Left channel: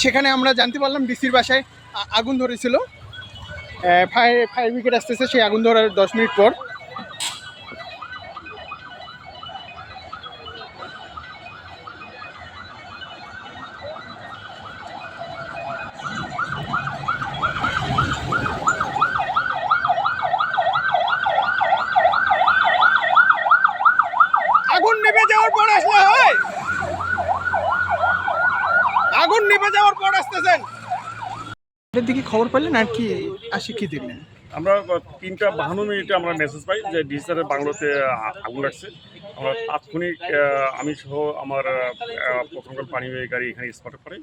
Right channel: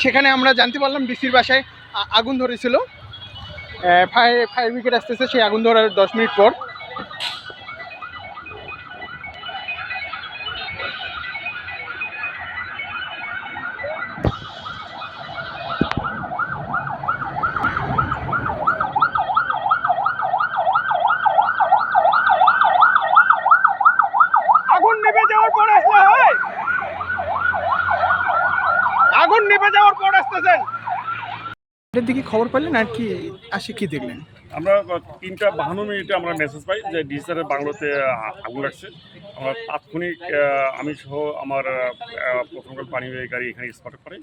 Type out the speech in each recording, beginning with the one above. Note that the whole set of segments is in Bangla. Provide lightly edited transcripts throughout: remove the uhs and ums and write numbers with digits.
সেখানে আমরা জানতে পারলাম ডিসির বাসায় আগুন ধরেছিল। ফায়ার ব্রিগেড আসতেছে সেই আগুন ধরার 10 মিনিট পর। আগুন নিভে যাওয়ার পর আসলে হয়, আগুন নিভে যাওয়ার পর আসতেছেন। এর দিকে খবর পেলেন আর কি আসে কি দেখলেন? আমরা 3:52 আমরা মেসেজ পাই যে ডিসারের বাংলোতে আগুন লাগছে। আমরা তাৎক্ষণিক আমি সহ আমার প্রথমকাল পানিবাহী গাড়ি এখানে স্পটে পড়ে।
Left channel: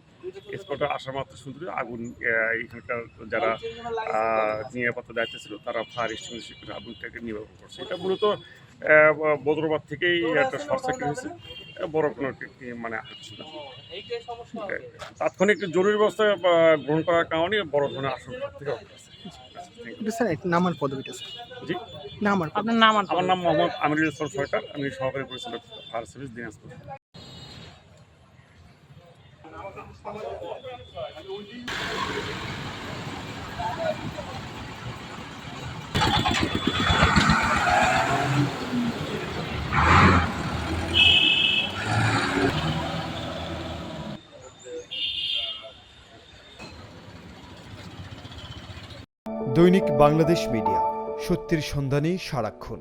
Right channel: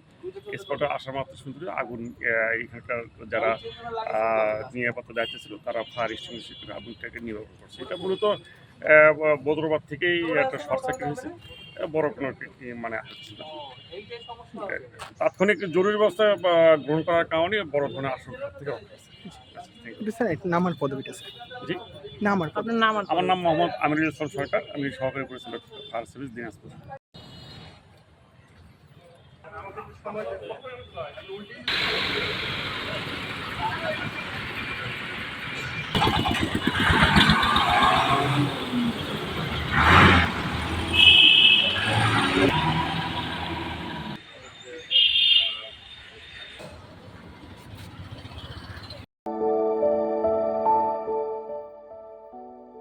স্পটে আসার মাত্র শুনতে আগুন, এখানকার যারা নিরাপত্তা দায়িত্বে ছিল তারা ফায়ার এক্সটিংগুইশার করে আগুনটাকে নির্বাপন করছে। এটা মূলত বদরবাদ থেকেই একটা শর্ট সার্কিট হয়েছে, বড় কোনো মানে হচ্ছে না। তাৎক্ষণিক জরুরি ব্যবস্থা গ্রহণ করার কারণে বড় ধরনের আশঙ্কা থেকে রক্ষা আছে। স্যার নামার পদবিটা স্যার? জি, আমার নাম মোহাম্মদ আমিরুল ইসলাম সরকার। আমি সহকারী পরিচালক ফায়ার সার্ভিস দিনাজপুর। দৈনিক বাংলাদেশ মিডিয়া, সত্যের সন্ধানে সারাক্ষণ।